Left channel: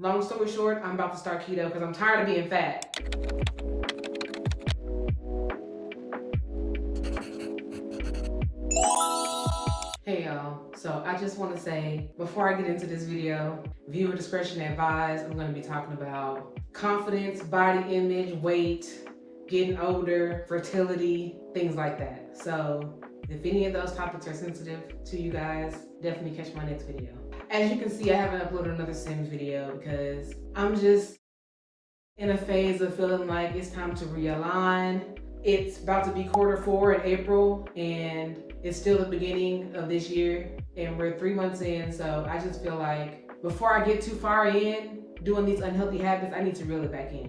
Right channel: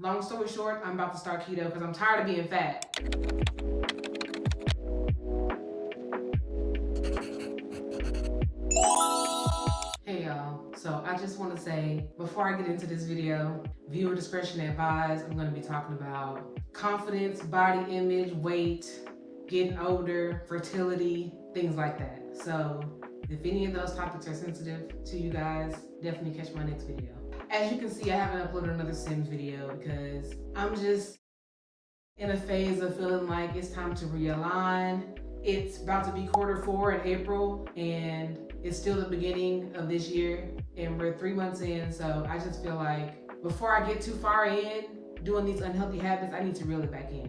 Long story short, I'm about to start keto because I'm tired of being fat. Hey y'all, so I just want to say, before I get into this video, viewer discretion advised. I'm going to be talking about confidence, body image, weight, getting older, fertility, things like that. So if any of those topics are sensitive to you guys, definitely catch my next video. As you can see, I haven't uploaded another Sims video because I'm just in a phase of feeling like it's time to realign. It's about to be Q4 in April, and it's still the beginning of this year, and we're 3 months in. So I just feel like before I get too far in doing these unhealthy habits, I need to reel it back in.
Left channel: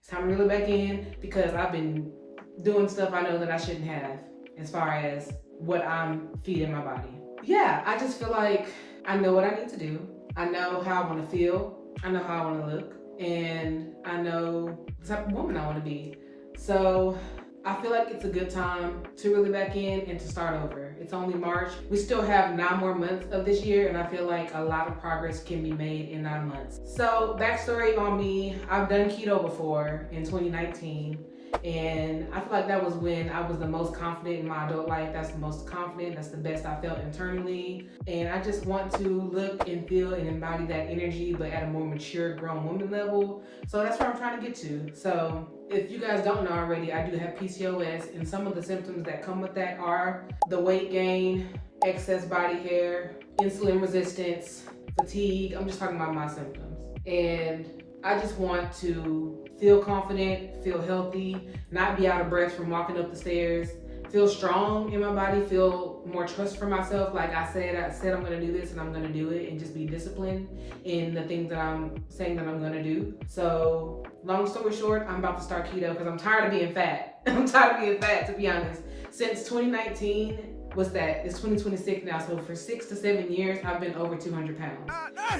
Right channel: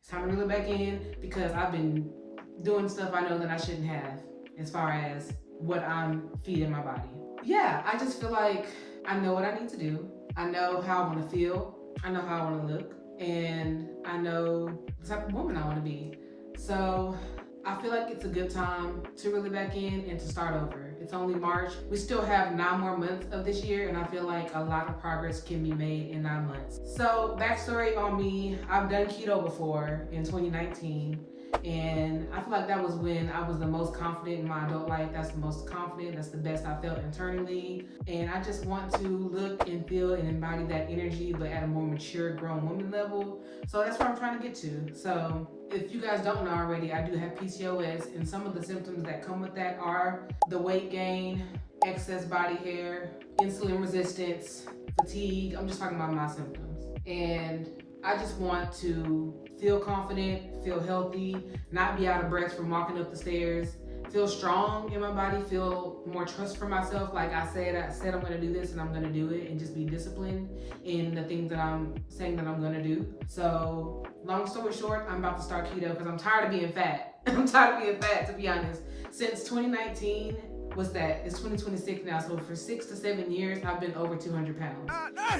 It's time to reel it back in because I've been doing stuff I know that I shouldn't have as far as what I'm feeding my body. Yeah, I just feel like I know what I need to do. I know how I want to feel. I know how I want to look. And I know the type of woman I want to be. So I feel like it's a good time to really back in and to start over. It's only March. We still have 9 more months of this year, and I feel like a lot of progress can be made in 9 months. So backstory on me, I've done keto before in 2019. And I feel like that was when I was the most confident in my adult life. That's the most confident, that's the best I felt internally. And I just want to look and feel and embody that energy, but at a more mature, grown woman level. So that's where I'm trying to get to. So if you guys don't know already, I do have PCOS, and some of the symptoms that come with that are the weight gain, excess body hair, insulin resistance, fatigue. I'm just talking about my symptoms. And I just want to feel confident, feel healthy, not be out of breath from walking up the stairs, feel strong in my body, feel more trust for myself. Like I said I'm gonna do this and I'm gonna do it, and just be disciplined in the things that I'm saying that I'm gonna do. So long story short, I'm about to start keto because I'm tired of being fat. I'm tired of being fat, to be honest. Since 2019, what's that? It's 2026 now. So for 6 to 7 years, I've been over 200 pounds.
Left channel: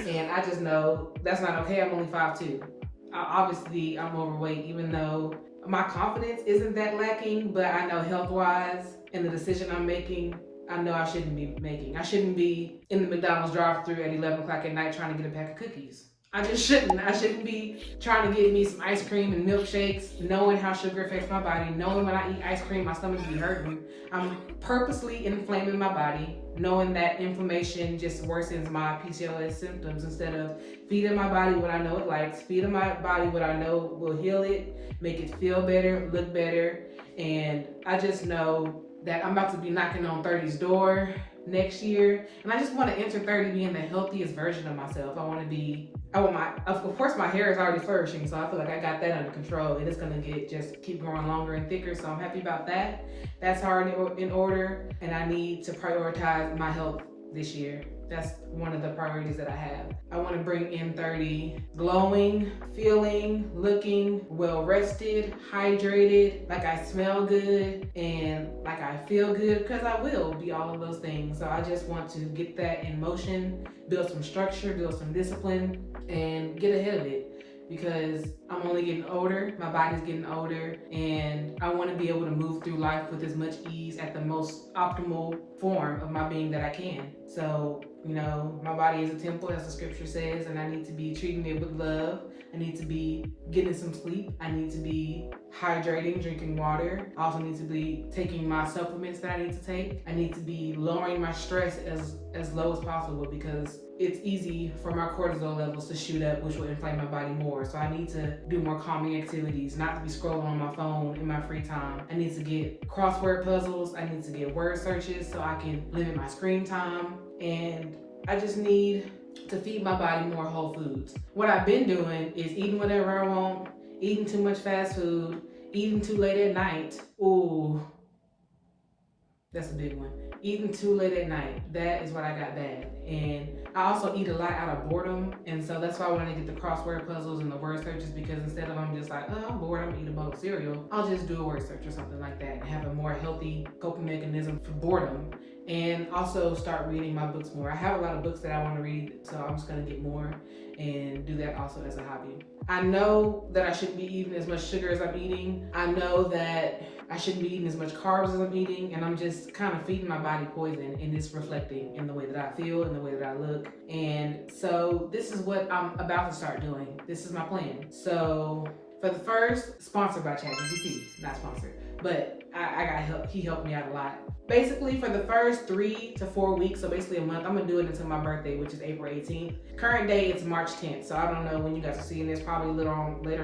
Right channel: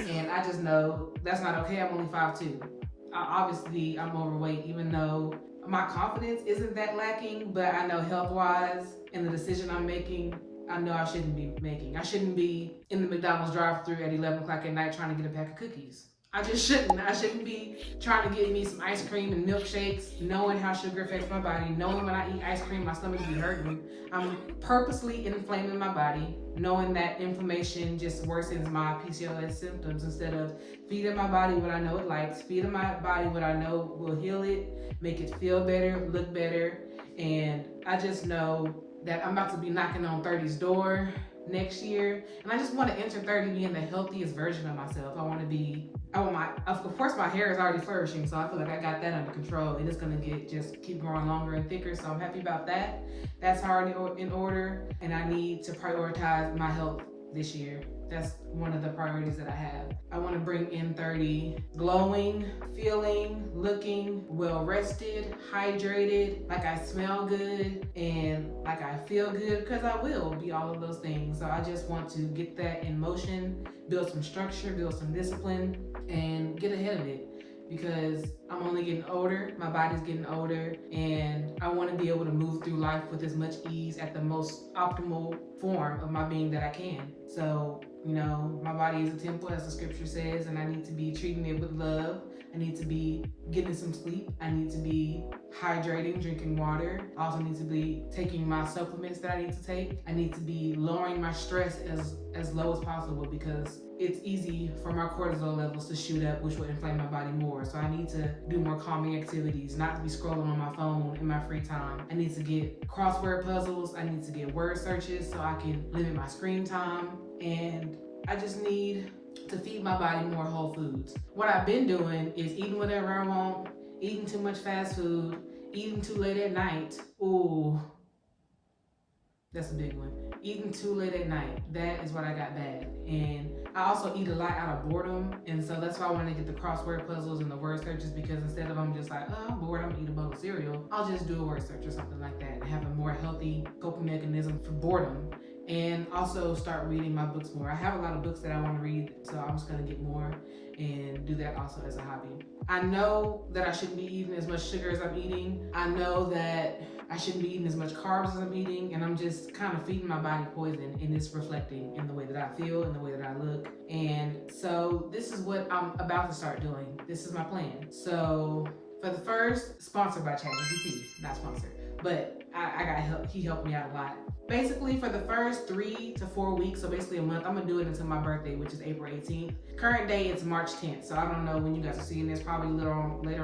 And I just know that's not okay. I'm only 5'2". Obviously, I'm overweight, even though my confidence isn't that lacking, but I know health-wise and the decision I'm making, I know I shouldn't be making. I shouldn't be in the McDonald's drive-thru at 11 o'clock at night trying to get a pack of cookies. I just shouldn't. I shouldn't be trying to get me some ice cream and milkshakes, knowing how sugar affects my body, knowing when I eat ice cream, my stomach be hurting. I'm purposely inflaming my body, knowing that inflammation just worsens my PCOS symptoms instead of feeding my body what I know it likes, feeding my body what I know will heal it, make it feel better, look better. And I just know that I'm about to be knocking on 30's door next year, and I just want to enter 30 being the healthiest version of myself. Of course my hair is already flourishing, so I feel like I got that under control, and it's gonna just keep growing longer and thicker, so I'm happy about that. That's hard in order, and I need to prioritize my health this year. That's one of the priorities that I have. I want to bring in 30 glowing, feeling, looking well rested, hydrated, like I smell good and like I feel good, because I will be all of those things. So I just want to get that in motion, build some structure, build some discipline, and get ahead of it. Because I'm only getting older, my body's getting older, and I want to be able to move through life with as much ease at the most optimal form of my being that I can. So, my body is a temple, as the scripture says, and I need to be treating it with love. I need to be getting some sleep. I need to be hydrating, drinking water. I also need to be taking my supplements that I need to take. I need to be lowering my stress as low as possible, because it's easy for my cortisol levels to shoot up, which will inflame my body more. So I need to do more calming activities, not to be scrolling on my phone in my free time. I need to get crossword puzzles. I need to get word searches so I can limit my screen time. And I just need to feed my body more whole foods. What I've been doing is eating whatever I want, eating too much fast food, eating too late at night. Ooh, that's a big one. Eating too late at night. That is what I got bad. And I also eat a lot out of boredom. And so that's why I wanted to get the crossword puzzles and the word searches, because instead of I'm just like, oh, I'm bored, I'm gonna eat a bowl of cereal, I'll just do a word search or something like that and have a more healthy coping mechanism for boredom. And also start reading my books more. I have a lot of books that I want to read, so I'm just gonna get more and do that also as a hobby. I know that I shouldn't be eating as much sugar as I'm eating. I know that I shouldn't be eating as much carbs as I'm eating, and I'm just kind of feeding my body poison, and it's reflecting in the way that I feel and the way that I look. And so this is what I'm about to start doing. This is my plan. So for the first, sponsored by ChatGPT, not sponsored, but I got help. He helped me out a lot. Basically, for the first 3 to 4 weeks, so basically a month, I'm gonna do it until my birthday, which is April 18th. Current day, it's March 10th, so I don't know when you guys are seeing this, probably later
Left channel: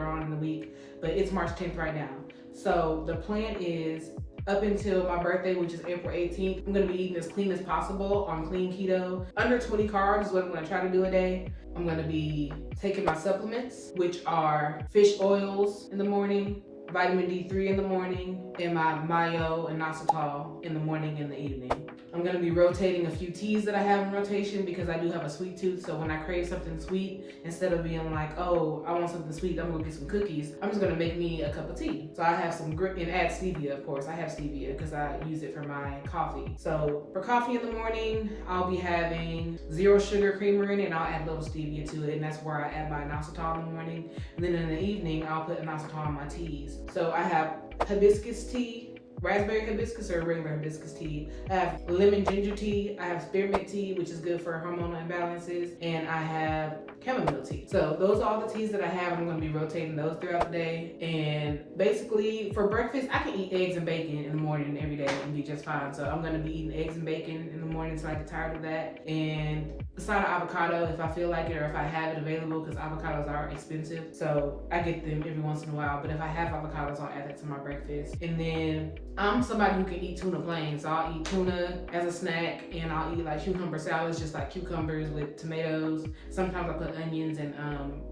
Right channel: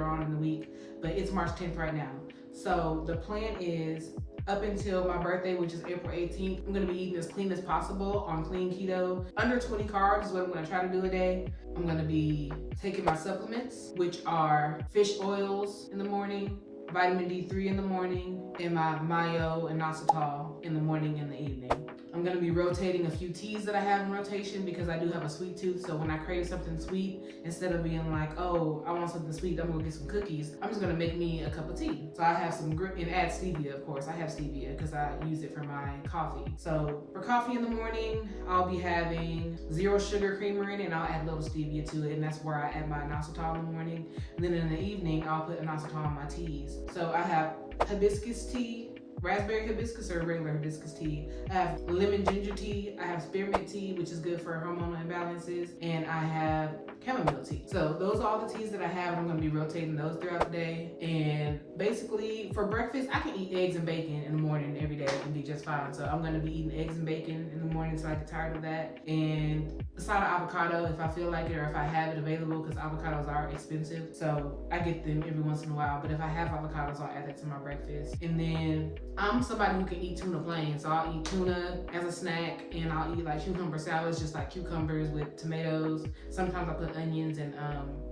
on in the week, but it's March 10th right now. So the plan is up until my birthday, which is April 18th, I'm gonna be eating as clean as possible on clean keto. Under 20 carbs is what I'm gonna try to do a day. I'm gonna be taking my supplements, which are fish oils in the morning, vitamin D3 in the morning, and my mayo and inositol in the morning and the evening. I'm gonna be rotating a few teas that I have in rotation because I do have a sweet tooth. So when I crave something sweet, instead of being like, oh, I want something sweet, I'm gonna get some cookies, I'm just gonna make me a cup of tea. So I have some and add stevia, of course. I have stevia because I use it for my coffee. So for coffee in the morning, I'll be having 0 sugar creamer in it, and I'll add a little stevia to it, and that's where I add my inositol in the morning. And then in the evening, I'll put inositol in my teas. So I have hibiscus tea, raspberry hibiscus or regular hibiscus tea. I have lemon ginger tea. I have spearmint tea, which is good for hormonal imbalances. And I have chamomile tea. So those are all the teas that I have, and I'm going to be rotating those throughout the day. And basically for breakfast, I can eat eggs and bacon in the morning every day and be just fine. So I'm going to be eating eggs and bacon in the morning until I get tired of that. And a side of avocado if I feel like it or if I have it available, because avocados are expensive. So I get them every once in a while. But if I have avocados, I'll add that to my breakfast. And then I'm somebody who can eat tuna plain. So I'll eat tuna as a snack, and I'll eat like cucumber salads, just like cucumbers with tomatoes. Sometimes I put onions and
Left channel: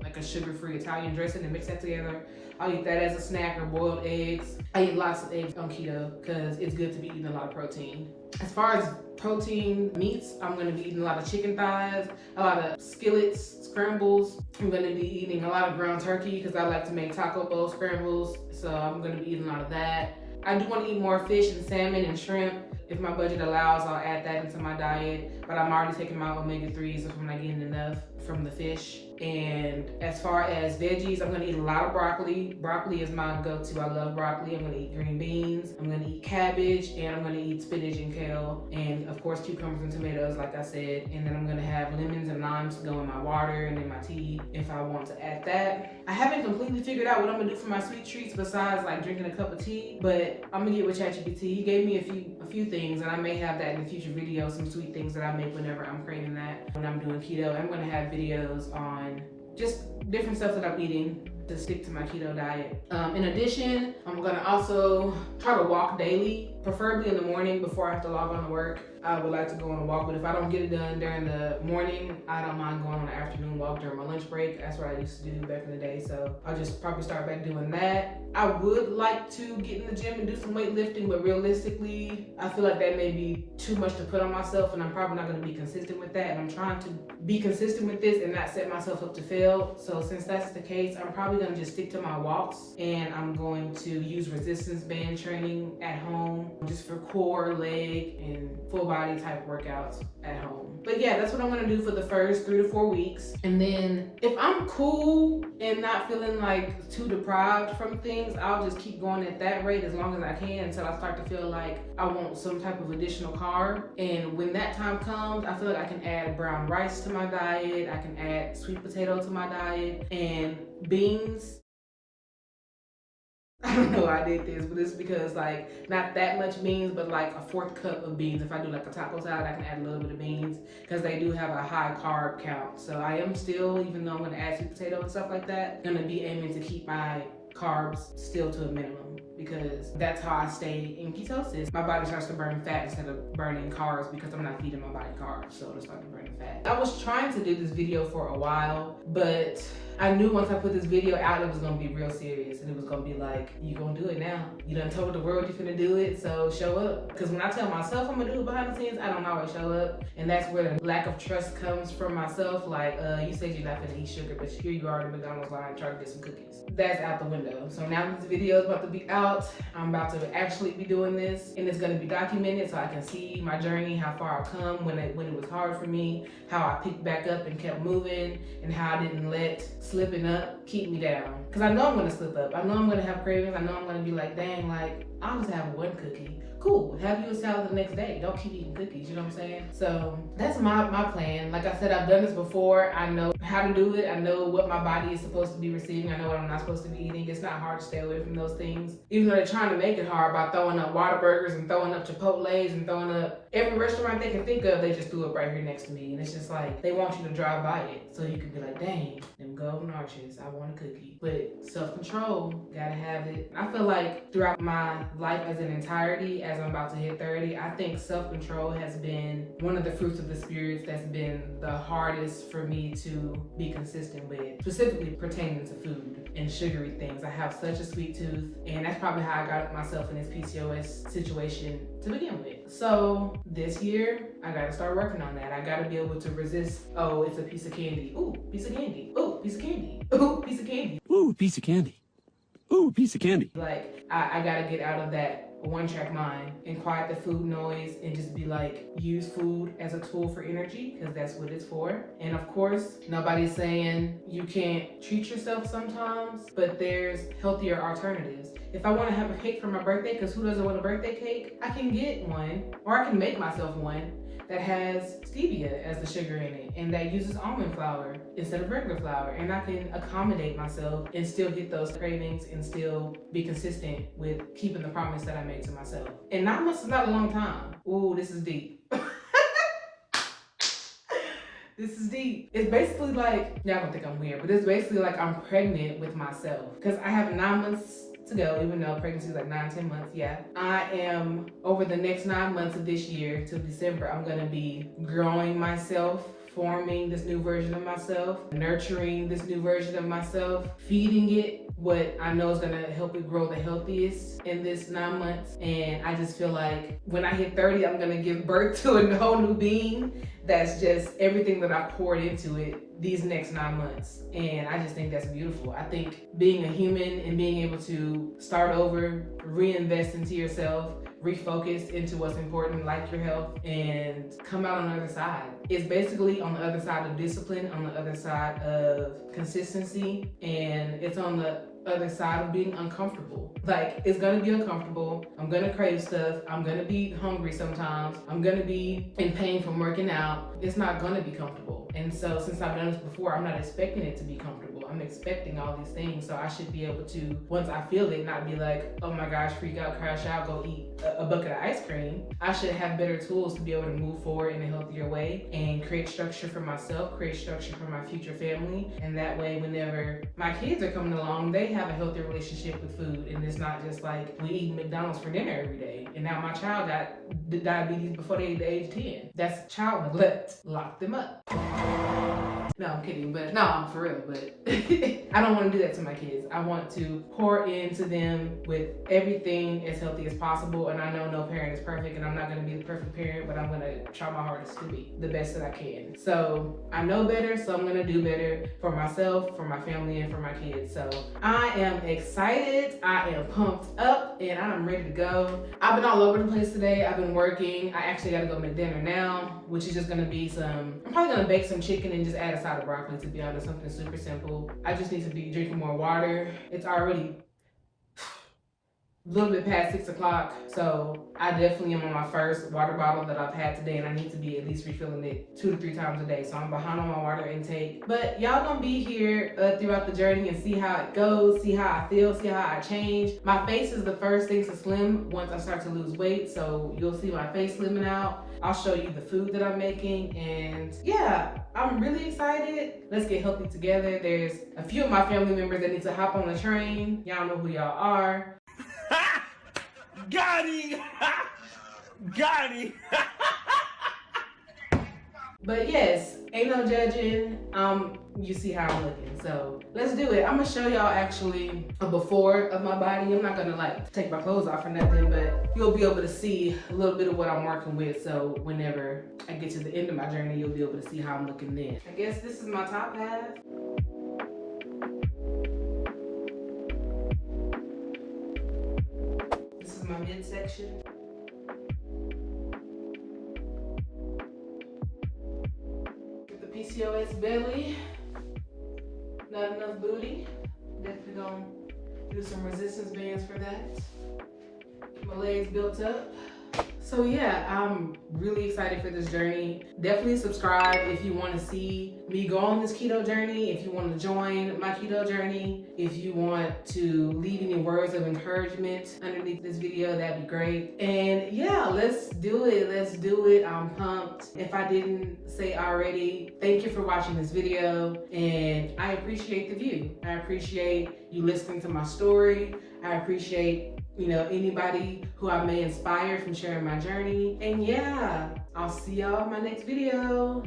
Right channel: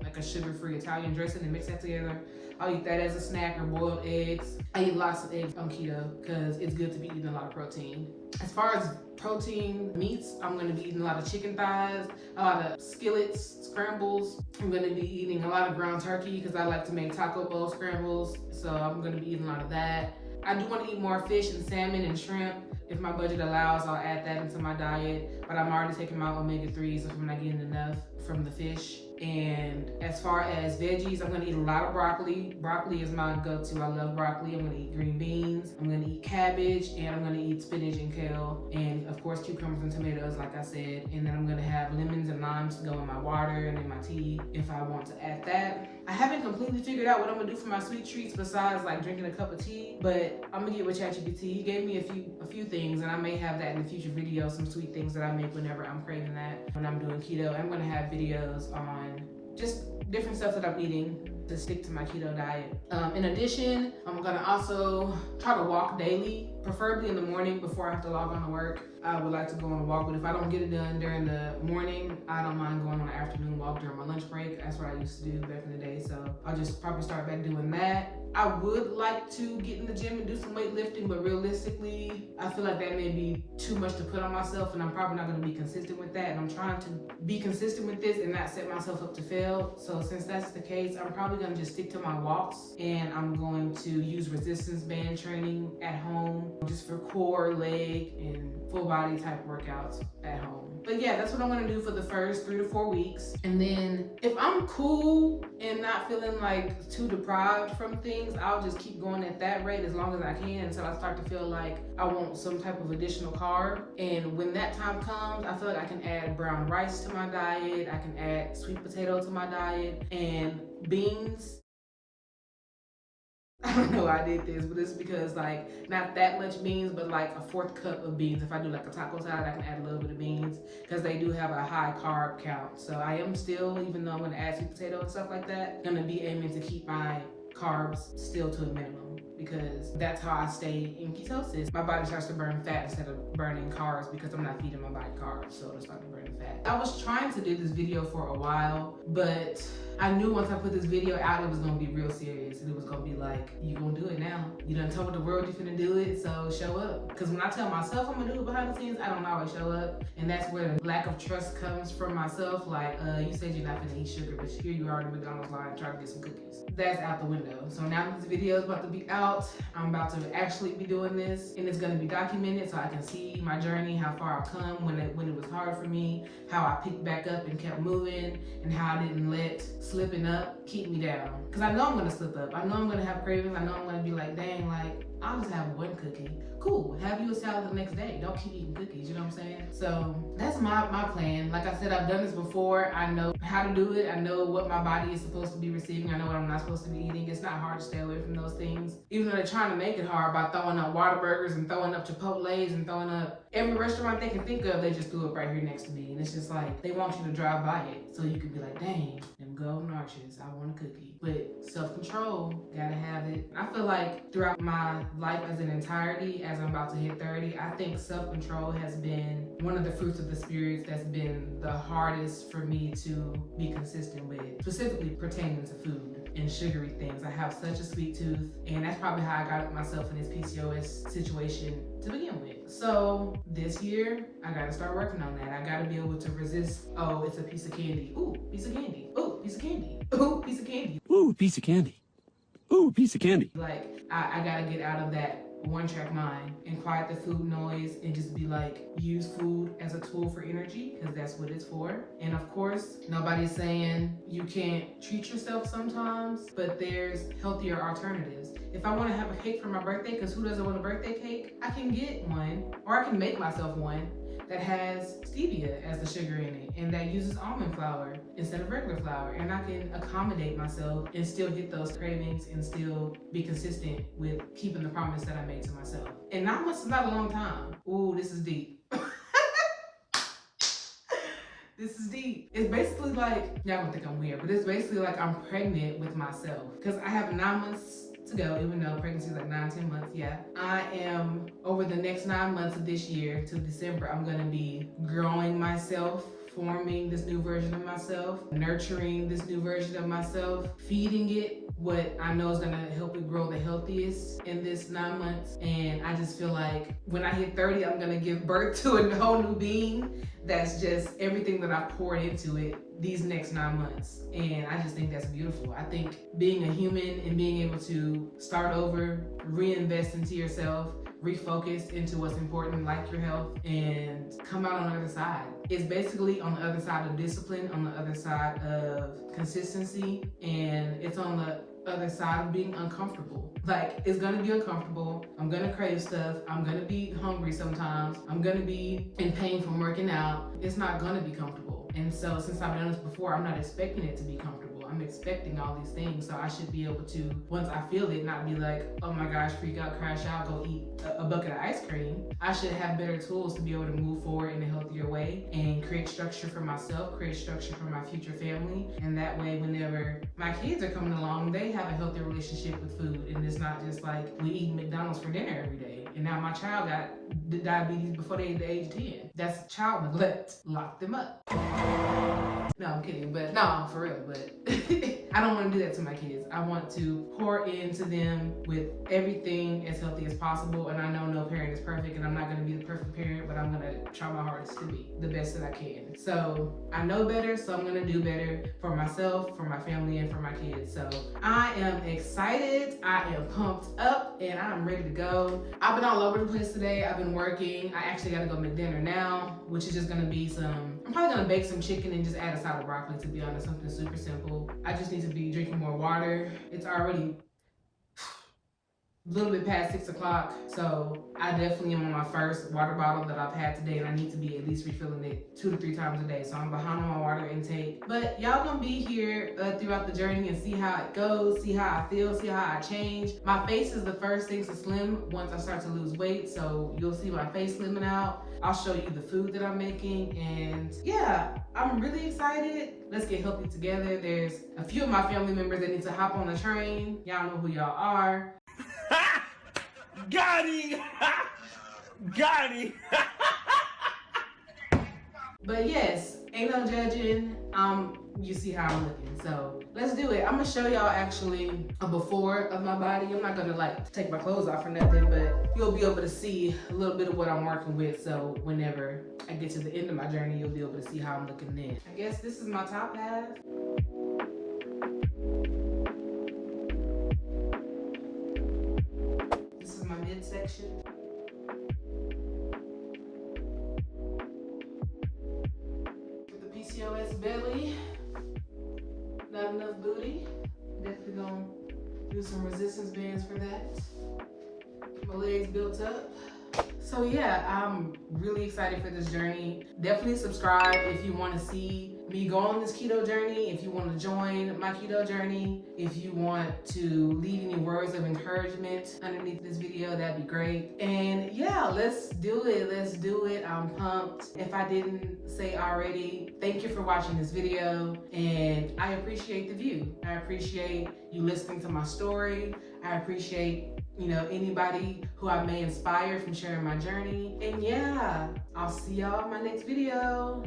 like a sugar-free Italian dressing and mix that together. I'll eat that as a snack, or boiled eggs. I eat lots of eggs on keto because it's good to be eating a lot of protein. As far as protein meats, I'm going to be eating a lot of chicken thighs, a lot of skillets, scrambles. I'm going to be eating a lot of ground turkey because I like to make taco bowl scrambles. So I'm going to be eating a lot of that. I do want to eat more fish and salmon and shrimp. If my budget allows, I'll add that into my diet. But I'm already taking my omega-3s if I'm not getting enough from the fish. And as far as veggies, I'm gonna eat a lot of broccoli. Broccoli is my go-to. I love broccoli. I'm gonna eat green beans. I'm gonna eat cabbage, and I'm gonna eat spinach and kale. And of course, cucumbers and tomatoes, like I said. And then I'm gonna have lemons and limes to go in my water and in my tea if I want to add that. I haven't completely figured out what I'm gonna do for my sweet treats besides like drinking a cup of tea, but I'm gonna get with ChatGPT. He gave me a few things, and I may have that in the future videos, some sweet things that I make whenever I'm craving that. When I'm doing keto, I'm gonna have videos on just different stuff that I'm eating to stick to my keto diet. In addition, I'm gonna also try to walk daily, preferably in the morning before I have to log on to work. I would like to go on a walk, but if I don't get it done during the morning, I don't mind going on an afternoon walk during my lunch break. That's what I used to do back in the day, so I'll just probably start back doing that. I would like to get in the gym and do some weightlifting, but realistically, I feel like that may be too much to put on myself, and I'm probably not gonna be consistent with that, and I'm trying to be consistent with this and not set myself up to fail. So since that's the case, I'm probably gonna just stick to my walks, and I'm going to use resistance band training at home, just for core, leg, and full body type workouts at home. But yeah, that's what I'm gonna do for the first 3 to 4 weeks. And then if I'm cool and not feeling like too deprived from things, I'll just keep going at that rate as long as I can until I start to feel like I want some type of additional carb. And when that time comes, I feel like I can add brown rice to my diet, I can add sweet potato to my diet, and beans. I don't know why I did this, but it's because like not that much beans, but like a 4th cup of beans. If I do like a taco salad, I can add a little bit of beans because they do have a high carb count. So I am still, even though I'm gonna add sweet potato and stuff like that, gonna be aiming to keep my carbs still to a minimum because that's how I stay in ketosis. My body starts to burn fat instead of burning carbs because I'm not feeding my body carbs, so it'll start to burn fat. I was trying to do this video for a while, but I knew once I put this video out, it was gonna be real serious, and it was gonna be like, you gonna do it now. You done told the world you finna do it, so show up. Because when I tell myself I'm gonna do it behind the scenes, I don't always show up, and that's where the lack of trust comes from myself. Like, you said you're not gonna eat sugar, but here you are in the McDonald's line trying to get some cookies. That's out the window. So now that this video is about to be out, I'm about to actually be doing this, and it's gonna be documented so I can see my journey, how far I've come, when it was hard for me, how I picked back up and kept moving, and how I didn't let slipping up keep me down. Because I know I'm gonna slip up. I know I'm gonna have cravings. I know I'm gonna be like, dang, like, I'll just have one cookie. Cool, have you a salad the next day. Don't keep eating cookies, you know what I'm saying? So that's my plan. Like I said, I've done this before. I know how to do it. I know what my body is supposed to be receiving. I know what I'm not supposed to be eating. It's not hard to stay away from those things. Even though they're trying to make it hard by throwing up Whataburgers and throwing up Chipotle's and throwing up every restaurant they can think of, they just threw it right here next to me. And it's just like, they want you to drive by it. So you can be like, dang, them golden arches, I want a cookie. But self-control, gotta have it. I feel like throughout my life as an entirety, as I'm about to hit 30, I think self-control has been one of the fruits of the spirits that's been the hardest for me to be consistent with, specifically pertaining to food and sugary things. I have such a sweet tooth, and that's probably how I got myself in this PCOS situation to begin with. So this year, I gotta start working on that. I gotta be able to resist, oh, it's a piece of candy. Ooh, piece of candy. Ooh, piece of candy. Ooh, piece of candy. Ooh, piece of candy. Ooh, piece of candy. Like, I gotta get out of that one-track mind and quiet the food noise and just be like, use food as a tool for energy, because that's what it's for. And of course, nobody's saying you can't treat yourself sometimes, but there's healthier alternatives. If I want to have a cake for my birthday, because who doesn't want a birthday cake? I can get one, or I can make myself one that has stevia as the sugar in it, and that uses almond flour instead of regular flour, and I can accommodate myself and still hit those cravings and still be consistent with keeping the promise that I made to myself. And 9 months is not a long time. Ooh, this is deep. This is deep. It's basically like, y'all gonna think I'm weird, but it's basically like I'm pregnant with myself, because I have 9 months to go, even though pregnancy is like 9-10 months. Yeah, I am, over the next 9 months of this year till December, I'm gonna be growing myself, forming this new version of myself, nurturing this new version of myself, feeding it what I know is gonna help it grow the healthiest in this 9 months. And I just feel like when I hit 30, I'm gonna give birth to a whole new being that's just everything that I've poured into it these next 9 months. And I just think that's beautiful. I think being a human and being able to start over, reinvest into yourself, refocus into what's important, like your health, and come out on the other side. It's basically on the other side of discipline, on the other side of consistency, and it's on the other side of being uncomfortable. Like, it's gonna be uncomfortable. I'm gonna crave stuff. I'm gonna be hungry sometimes. I'm gonna be in pain from working out. It's not gonna be comfortable. And so since I've done this before, I'm not expecting it to be comfortable. I'm expecting all these things. So I should be able to, once I feel it, not be like, oh my gosh, freak out, crash out, go eat a bucket of ice cream. I should have better tools to be able to move forward in a healthier way and create structure for myself, create structure for my future family. And that way, whenever my kids are coming along, they have a healthy relationship with food. And it's not just like we eat McDonald's for dinner every day. And now my child got diabetes before they hit the age 10. That's child neglect. Lock them up. No, I'm kidding, but no, for real, but I don't want to do that to my kids. I want to pour into them with everything as healthy as possible, and I know no parent is perfect, and I'm not going to be the perfect parent, but I'm going to try my hardest to be the best that I can. So I know better, so I'm going to do better for myself, for my family, and for my kids. So I am excited, I am pumped up, and I'm ready to go. I've been all over the place today. I've been working. I actually got to go make dinner now, which is just going to be I'm probably going to bake some chicken and just add a side of broccoli, to be honest, something super simple. I just need to be drinking more water. It's already a little bit past 6 o'clock, so I definitely am on my first water bottle that I've had today, and I need to be at least refilling it 2 to 3 times a day. So I'm behind on my water intake, but y'all gonna be here throughout the journey and see how it goes, see how I feel, see how I change. My face is the first thing to slim once I start to lose weight, so you'll see my face slimming out. I'll show you the food that I'm making, and yeah, I'm really excited. Let's get healthy together. There's a few of my family members that need to hop on the train. Y'all know who y'all are. Got him! Got him! But yes, Ain't no judging. You see how I'm looking. So let's do it. I'm gonna show y'all actually a before of my body. I'm not gonna like take my clothes off or nothing, but you'll be able to see a little bit of what I'm working with. So whenever I get to the end of my journey, you'll be able to see how I'm looking then. I guess this is my top half. This is my midsection. PCOS belly, not enough booty. Definitely gonna do some resistance bands for that. Get my legs built up. So yeah, I'm really excited for this journey. Definitely subscribe if you want to see me go on this keto journey, if you want to join my keto journey, if you want to leave any words of encouragement underneath this video, that'd be great. And yeah, let's do it. Let's do it. I'm pumped. If I didn't say already, thank you for watching this video, and I appreciate the view. I appreciate you listening to my story. I appreciate anybody who I may inspire from sharing my journey. And yeah, I'll see y'all in my next video.